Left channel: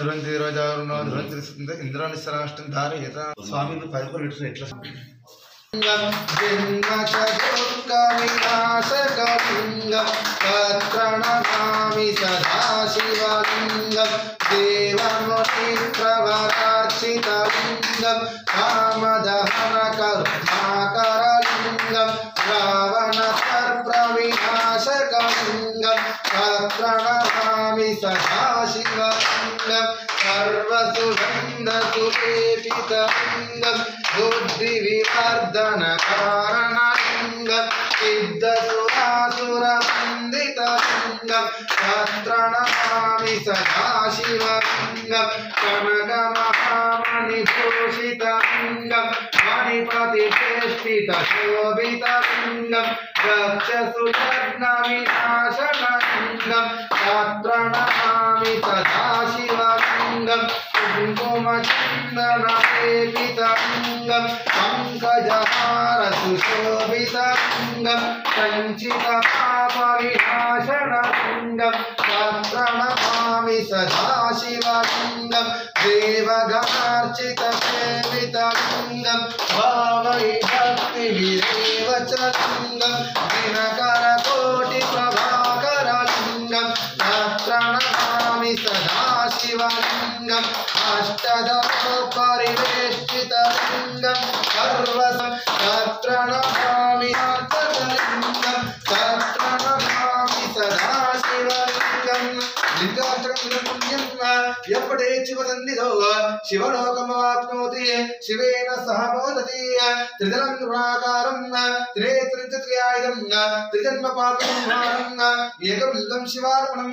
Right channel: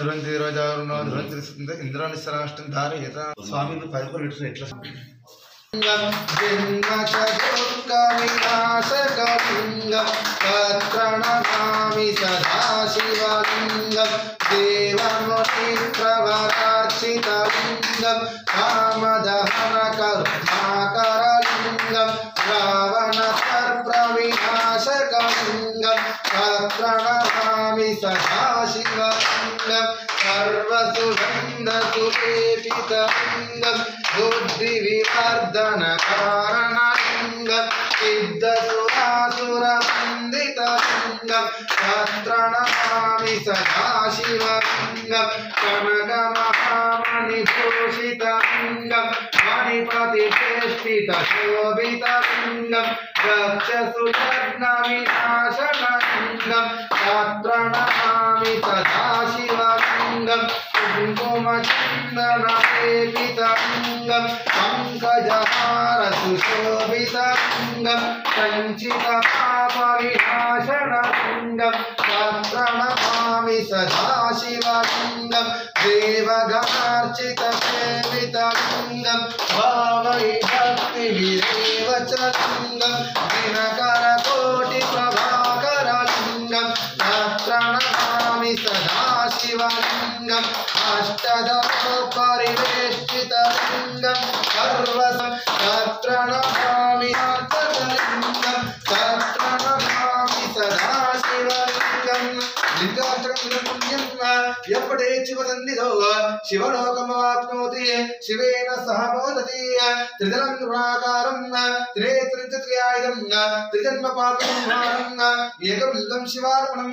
ध्रुवंती रोजारुणो ध्रुवंती इंद्रानिश्चराष्टं धारयत स्वामी परिपरिष्ठ एट्ला जन्मशोकविनाशकलिङ्गं तत्प्रणमामि सदाशिवलिङ्गं देवमुनिप्रवरार्चितलिङ्गं कामदहनकरुणाकरलिङ्गं रावणसर्पविनाशकलिङ्गं तत्प्रणमामि सदाशिवलिङ्गं सर्वसुगन्धसुलेपितलिङ्गं बुद्धिविवर्धनकारणलिङ्गं सिद्धसुरासुरवन्दितलिङ्गं तत्प्रणमामि सदाशिवलिङ्गं कनकमहामणिभूषितलिङ्गं मणिपतिचेष्टितशोभितलिङ्गं दक्षसुलग्नविनाशनलिङ्गं तत्प्रणमामि सदाशिवलिङ्गं कुङ्कुमचन्दनलेपितलिङ्गं पङ्कजहारसुशोभितलिङ्गं सञ्चितपापविनाशनलिङ्गं तत्प्रणमामि सदाशिवलिङ्गं देवगणार्चितसेवितलिङ्गं भावैभक्तिभिरेव च लिङ्गं दिनकरकोटिप्रभाकरलिङ्गं तत्प्रणमामि सदाशिवलिङ्गं अष्टदशपरिवेष्टितलिङ्गं तत्प्रणमामि सदाशिवलिङ्गं तत्प्रणमामि सदाशिवलिङ्गं लिङ्गाष्टकं यपटे शिवसन्निधौ शिवलोकमवाप्नोति शिवेन सह मोदति त्रिदलं गुणाकारं त्रिनेत्रं च त्रियायुधं त्रिजन्मपापसंहारं एकबिल्लं शिवार्पणं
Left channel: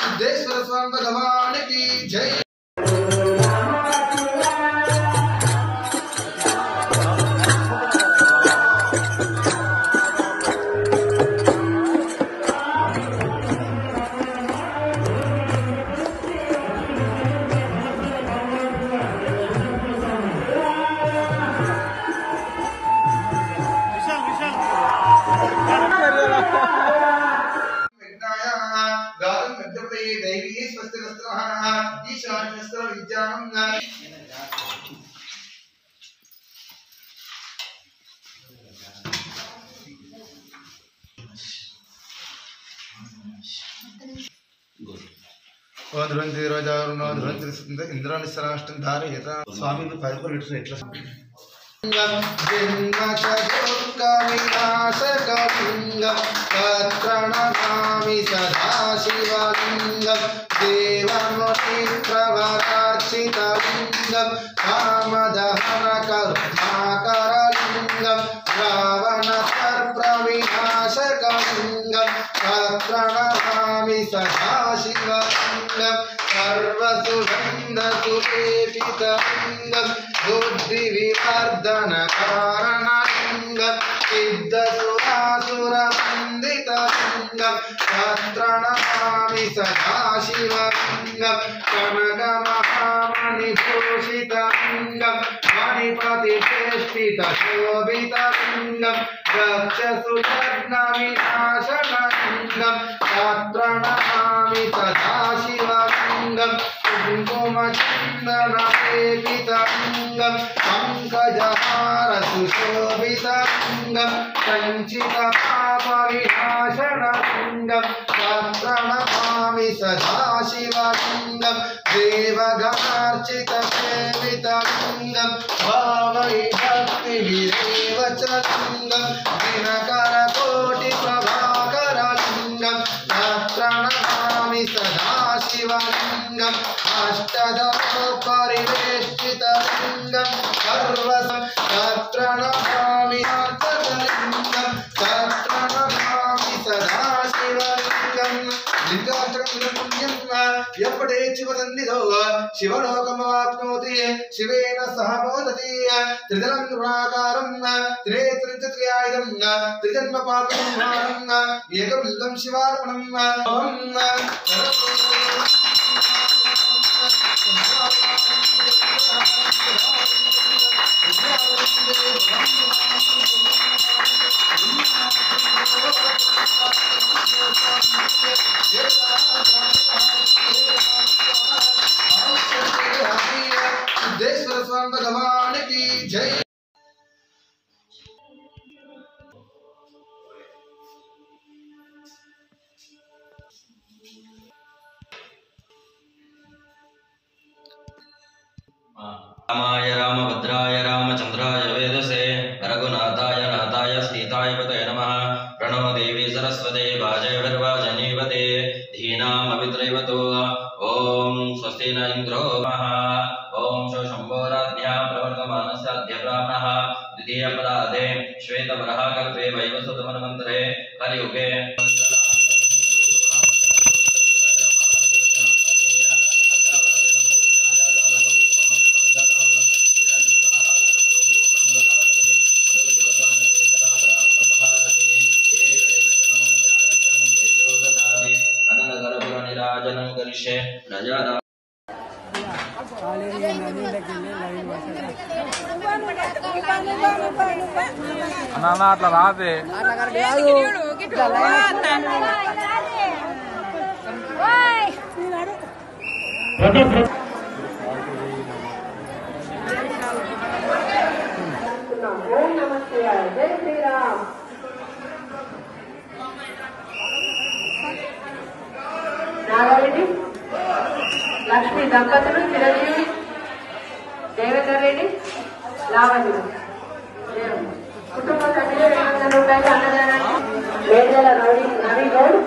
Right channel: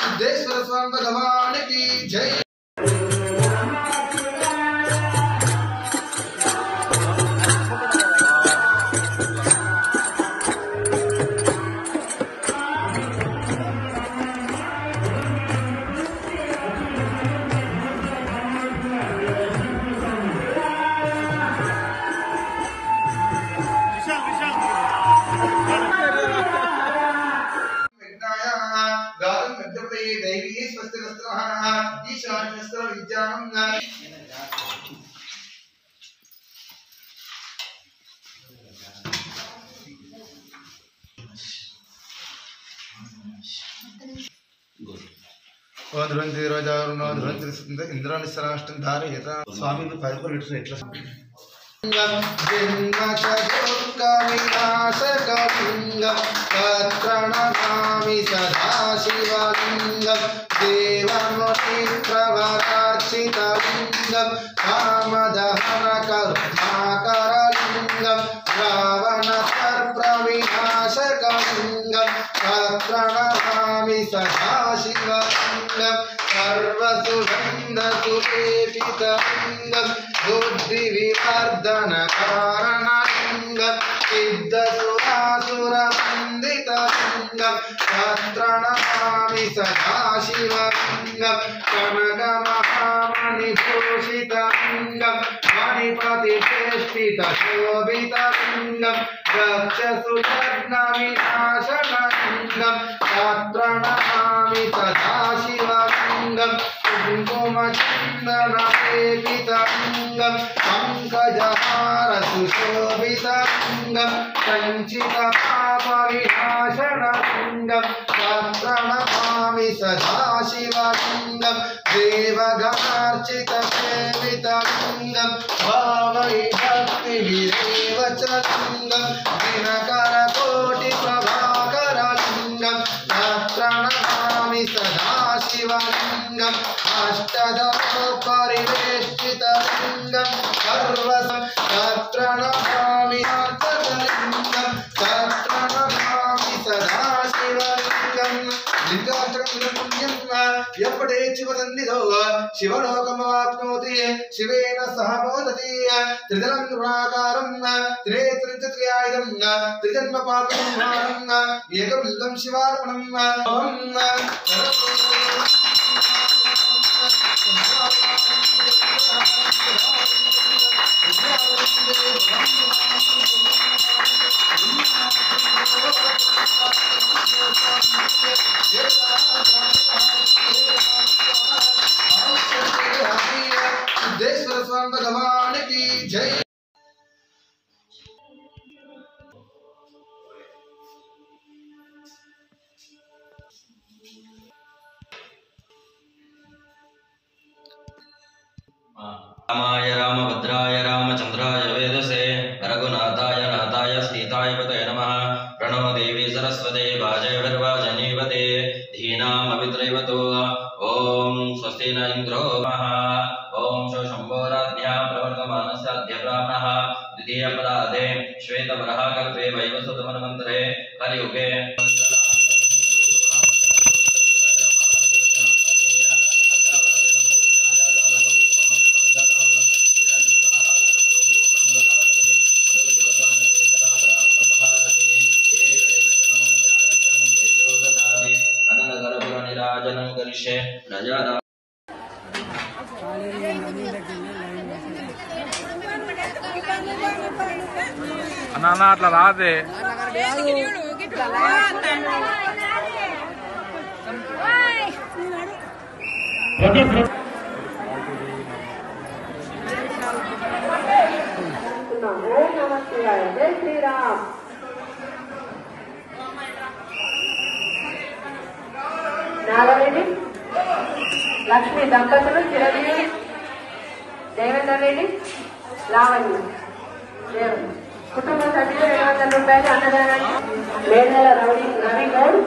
सिद्धेश्वर स्वामी भगवान की जय। दैवी स्वस्तिरस्त्रः ईशान्यस्त्र विज्ञानं ध्रुवंती रोजारुणो ध्रुवंती इंद्रानिश्चराष्टं धारयत स्वामी परिपरिष्ठ एट्ला जन्मशोकविनाशकलिङ्गं तत्प्रणमामि सदाशिवलिङ्गं देवमुनिप्रवरार्चितलिङ्गं कामदहनकरुणाकरलिङ्गं रावणसर्पविनाशकलिङ्गं तत्प्रणमामि सदाशिवलिङ्गं सर्वसुगन्धसुलेपितलिङ्गं बुद्धिविवर्धनकारणलिङ्गं सिद्धसुरासुरवन्दितलिङ्गं तत्प्रणमामि सदाशिवलिङ्गं कनकमहामणिभूषितलिङ्गं मणिपतिचेष्टितशोभितलिङ्गं दक्षसुलग्नविनाशनलिङ्गं तत्प्रणमामि सदाशिवलिङ्गं कुङ्कुमचन्दनलेपितलिङ्गं पङ्कजहारसुशोभितलिङ्गं सञ्चितपापविनाशनलिङ्गं तत्प्रणमामि सदाशिवलिङ्गं देवगणार्चितसेवितलिङ्गं भावैभक्तिभिरेव च लिङ्गं दिनकरकोटिप्रभाकरलिङ्गं तत्प्रणमामि सदाशिवलिङ्गं अष्टदशपरिवेष्टितलिङ्गं तत्प्रणमामि सदाशिवलिङ्गं శివాష్టకం లింగాష్టకం పుణ్యం ఎప్పుడే శివసన్నిధో శివలోకమాప్నోతి శివేన సహ మోదతి త్రిదలం గుణాకారం త్రినేత్రిత్రయాయుధం త్రిజన్మ పాపం ఏకబిల్లం శివార్పణం ఓం सिद्धेश्वर स्वामी भगवान की जय। रामाय रामभद्राय रामचंद्राय वेदसे रघुनाथाय नाथाय सीताय पतये नमः। प्रणव देवी सरस्वती वाजयभिर्वाजनीवते धीनामभित्रैवतो ओम स्वस्ति न इंद्रो मः ओम शम्भोराध्या प्रवर्तमानस्याद्य ब्राह्मणः द्वितीयपदादे श्वेतवराहकल्पे वैवस्वतमन्वन्तरे कलियुगे అన్న అట్లా రాదే లక్ష్మీ దంపతులు దేవేంద్ర రెడ్డి లావణ్య కుటుంబ సభ్యులు అన్నదానాన్ని వేదల రవి గౌడ్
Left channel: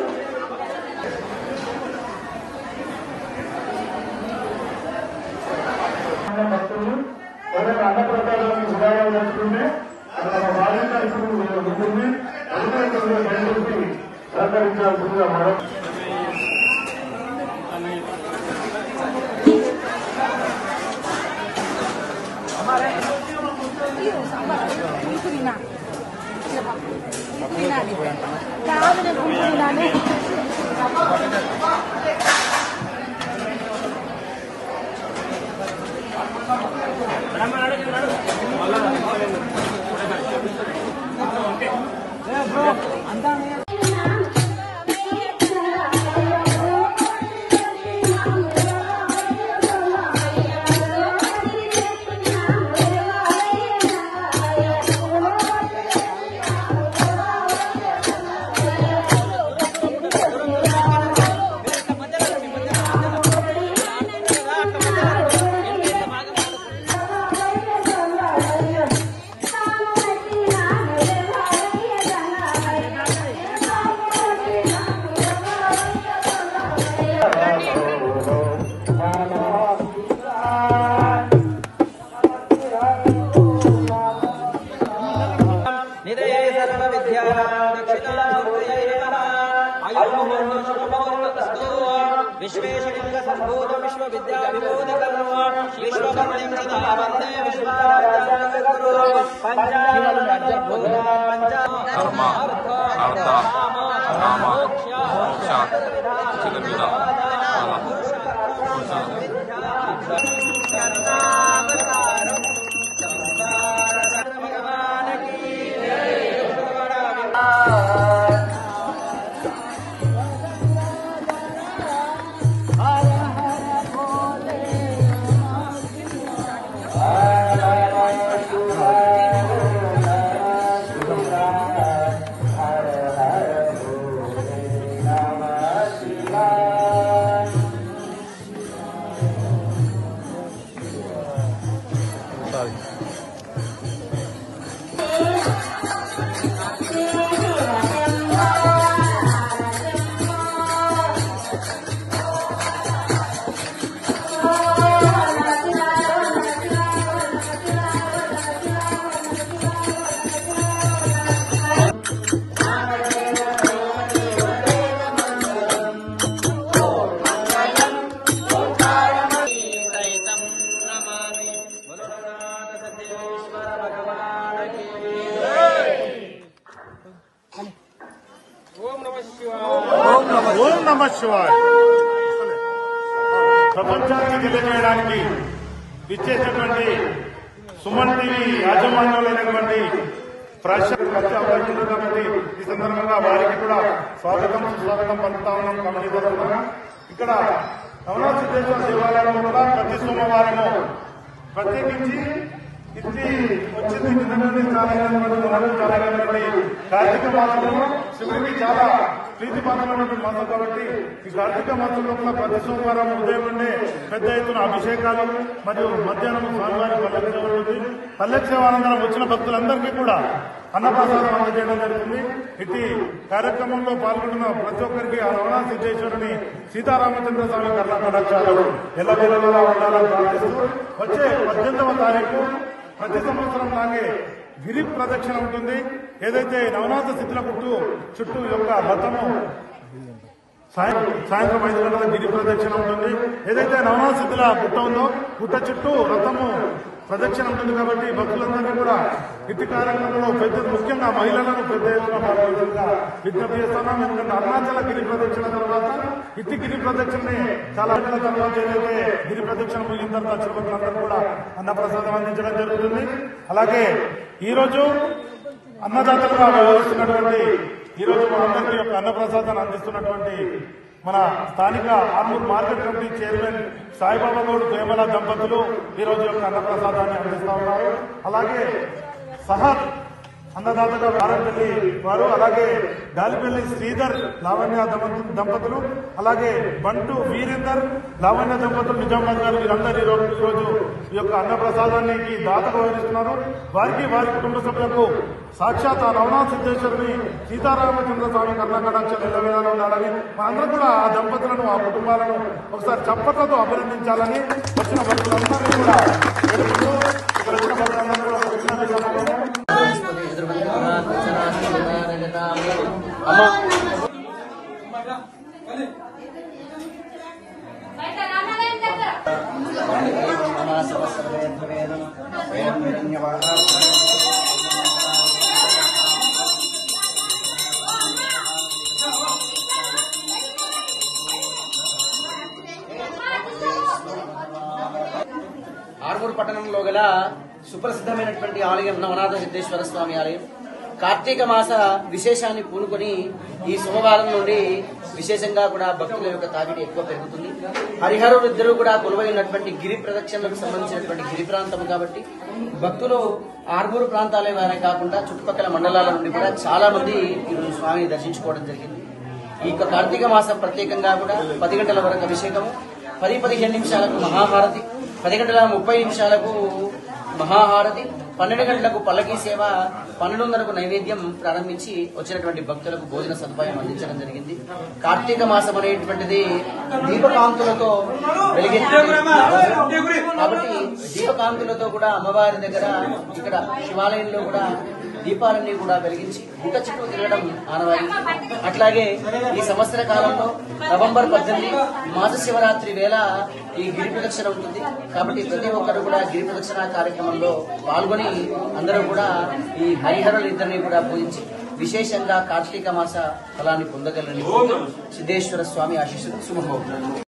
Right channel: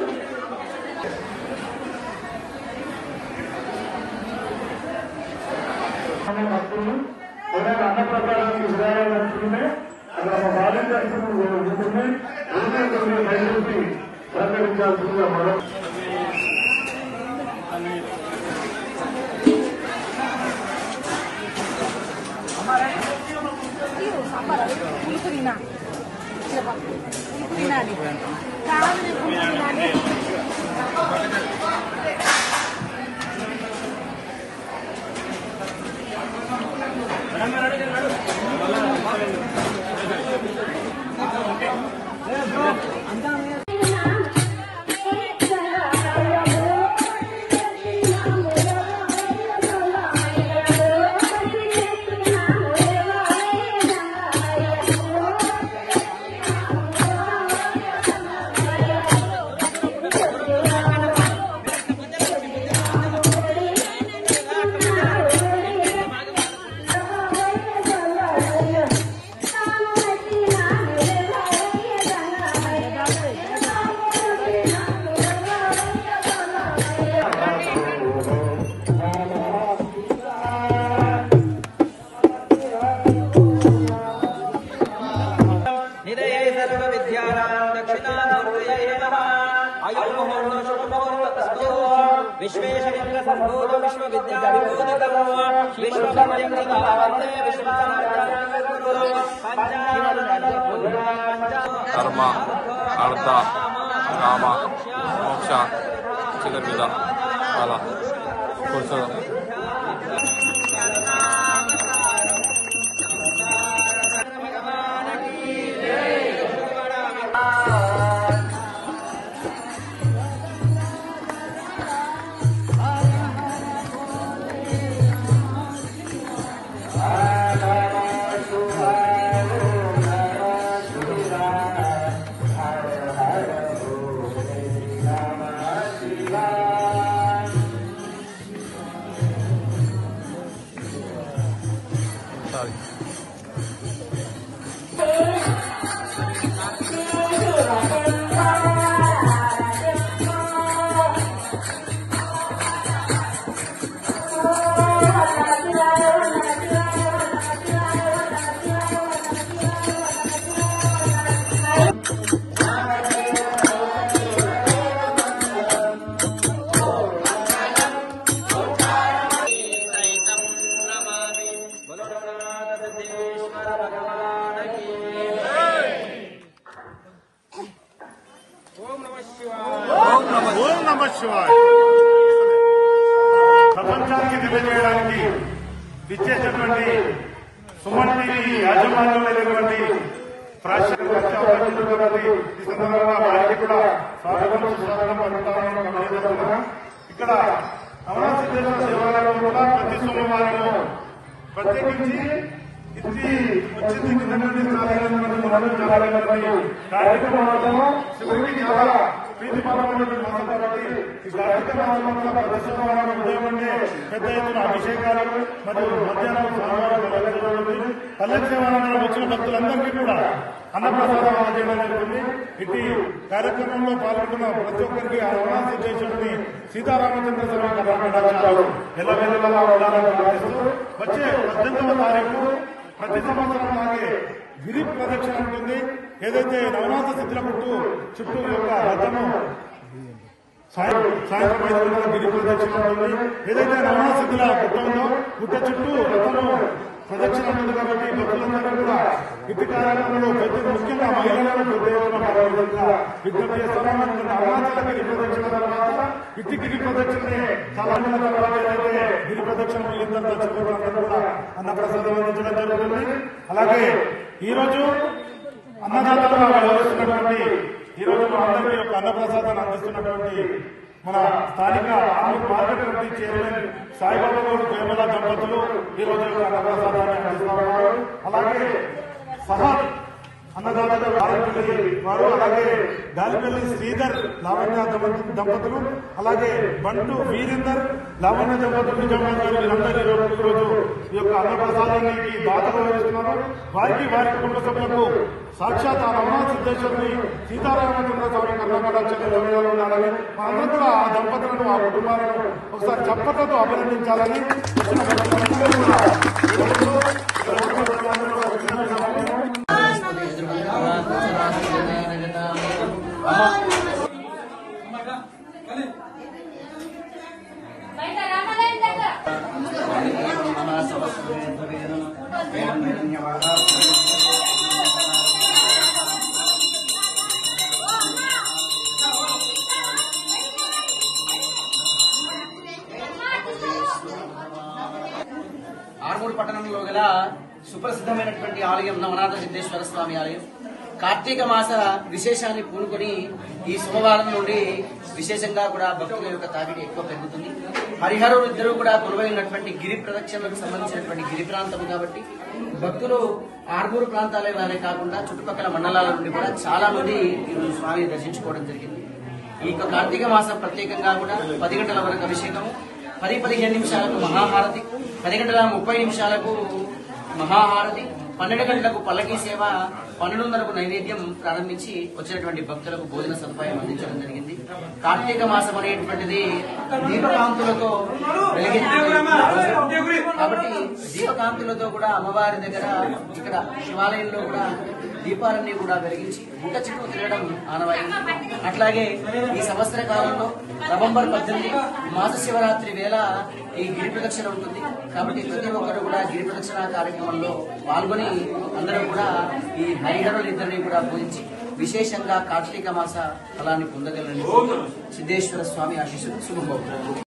ధర్మ అర్థ కామ మోక్ష చతుర్విధ ఫల పురుషోత్తమ ప్రపంచానికి తెలియజేయడానికి విచ్చేసినటువంటి సుమన్ టీవీ యాజమాన్యులైనటువంటి ప్రేక్షకులు ఈ సందర్భంగా వారికి కూడా స్వాగతం పలుకుతామని కమిటీ తరఫున ఇక్కడ నవరాత్రి దేవాలయంలో కూడా ప్రతి సోమవారం ప్రత్యేకించి కార్తీక మాసంలో శివుడికి చాలా ప్రీతిపాత్రమైన మాసం కాబట్టి ఈ కార్తీక మాసంలో కూడా ప్రతి సోమవారం ఉదయం నుండే పెద్ద ఎత్తున అభిషేకాలు మరియు మధ్యాహ్నం స్వామివారి పల్లె సేవానంతరం వచ్చిన భక్తులందరికీ కూడా అన్నప్రసాదం అందజేయడం జరుగుతుంది. ఇటు కార్యక్రమంలో పాల్గొంటున్న ప్రతి ఒక్కరికి ఆ నవనా సిద్ధేశ్వరుని సీతారామచంద్ర స్వామి కర్ణాటకాలు ఎల్లవెల్లలా ఉండాలని ప్రార్థిస్తూ వచ్చే 18వ తారీఖు ప్రతి సంవత్సరం లాగే గిరి ప్రదక్షిణ ఉంటుంది. ఏదైతే నవనాథ స్థితుల చుట్టూ యొక్క రథము సాయంత్రం 5 గంటల గిరి ప్రదక్షిణ ఉంటుంది. ఏదైతే నవనాథ స్థితుల గుట్ట ఉందో గుట్ట చుట్టూ రథము ప్రదక్షిణ ఉంటుంది. కాబట్టి భక్తులందరూ కూడా ఇటు కార్యక్రమంలో ముఖ్యంగా మహిళలను పెద్ద ఎత్తున పాల్గొనేందుగా విజ్ఞప్తి చేస్తున్నాం. ఎందుకంటే అరుణాచల గిరి ప్రదక్షిణ తర్వాత ఇటు గిరి ప్రదక్షిణని చాలా నెలల తర్వాత ఏదైతే గిరి ప్రదక్షిణ ముగిన తర్వాత తిరుపతులందరూ కూడా అన్నప్రసాదం అందించడం జరుగుతుంది. అలాగే ఈరోజు అన్నదాతగా వ్యవహరిస్తున్నటువంటి ఈరోజు మనందరికీ యొక్క అన్నప్రసాదాన్ని అందిస్తున్నటువంటి మన స్థానిక Armoor market committee chairman Saibaba Goud ప్రేమల దంపతులు ఈ రోజు యొక్క అన్నప్రసాదాన్ని అందిస్తూ ఉన్నారు. అలాగే సహద్ అన్నదాతగా వారంపల్లి వారు, అలాగే గాలిపల్లి శ్రీధర్ లావణ్య దంపతులు, అలాగే బంటు వీరేందర్ లావణ్య దంపతులు నిజామాబాద్ గారు వీరందరూ ఈరోజు ఈ యొక్క అన్నప్రసాదానికి దాతలు వహిస్తున్నారు. వారికి వారి కుటుంబ సభ్యులకు సాక్షాత్ ఆ నవనాథ సిద్ధేశ్వరుని సీతారామచంద్ర స్వామి కర్ణాటకాలు ఉండాలని మనందరం కూడా ఆ దంపతులను ఆ కుటుంబాలను ఒకసారి చప్పట్లతో అభినందించాలని వచ్చిన భక్తులందరూ కూడా ఆర్మూర్ పట్టణంలో గల సుప్రసిద్ధమైనటువంటి ఆలయం నవనాథ సిద్ధేశ్వర స్వామి ఆలయం కార్తీక మాస విశేషాన్ని పూనుకొని ఈ సోమవారం నుండి విశేషంగా కూడా భక్తుల యొక్క తాకిడి ఎక్కువ పెరుగుతుంది. హరిహరులు ఇద్దరూ కూడా కొలువైనటువంటి గిరి ప్రదక్షిణలకు సంబంధించినటువంటి గిరి ప్రాంతం కాబట్టి భక్తులు ఆర్మూరు ప్రాంతాలే కాకుండా చుట్టుపక్కల మండలాల నుండి కూడా చాలా మంది ఈరోజు స్వామిని దర్శించుకోవడం జరిగింది. ఈ యొక్క కార్తీక మాసం ప్రత్యేకంగా కూడా 10 గంటల వరకు అభిషేకము, 10-15 నిమిషాలకు మహాహారతి, 10 గంటల 30 నిమిషాలకు మహాహారతి, 12 గంటలకు పల్లకీ సేవ, 12:30కు నైవేద్యం ప్రారంభించి వచ్చినటువంటి భక్తులకు భోజన సదుపాయం అందించడం జరిగింది. కార్తీక మాసం అనేటువంటిది దీపకాంతులతో వెలిగించబడింది కాబట్టి దీపకాంతులతో కూడా అమ్మవారి దగ్గర ఇక్కడ శివాలయంలో కూడా దీపాలన్నీ కూడా వెలిగించి గుట్ట చుట్టూ తిరగడం ఆనవాయి. అట్లాగే ఈ సంవత్సర కాలంలో నవంబర్ 18 మాస శివరాత్రి వేళ ఈ గిరి ప్రదక్షిణ ఉంటుంది. కాబట్టి ప్రతి ఒక్కరు కూడా గిరి ప్రదక్షిణ కార్యక్రమంలో పాల్గొని అందరూ కూడా ఈ హరిహరులు ఇద్దరిని కూడా పూజించి విశేషంగా కార్తీక మాస ఫలాన్ని పొందగలని సిద్ధేశ్వర స్వామి ఆశీస్సులు శుభమవుతున్నారు.